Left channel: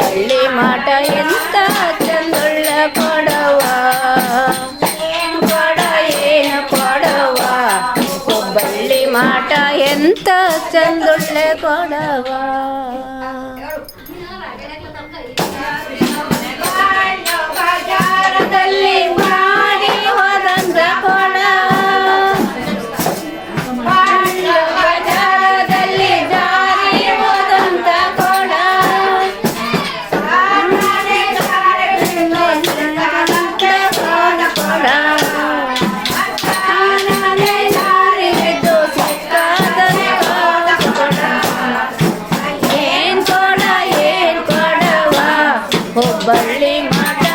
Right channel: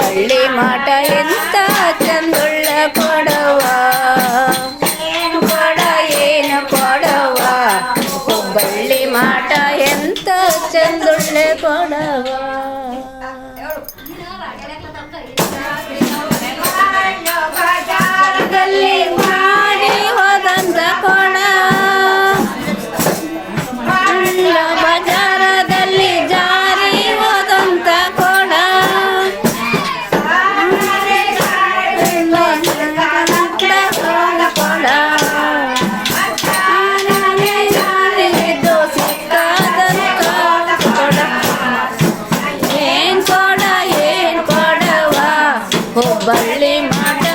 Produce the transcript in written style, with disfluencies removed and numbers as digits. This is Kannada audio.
ಹುಬ್ಬಳ್ಳಿ ಮಾಟ ಎಂತ ಚಂದುಳ್ಳ ಕೊಡವ ಕೊಡ ಏನು ಕೊಡವ ಹುಬ್ಬಳ್ಳಿ ಮಾಟ ಎಂತ ಚಂದುಳ್ಳೆ ಕೊಡವ ಮಾಡಿ ಹೋದಂತ ಕೊಡ ಬಜಾರದಲ್ಲಿ ಜಾರಿ ಹೋದಂತ ಕೊಡ ಕೊಡ ಏನ್ ಕೊಡ ಏನ್ ಕೊಡವ ಹುಬ್ಬಳ್ಳಿ ಮಾಟ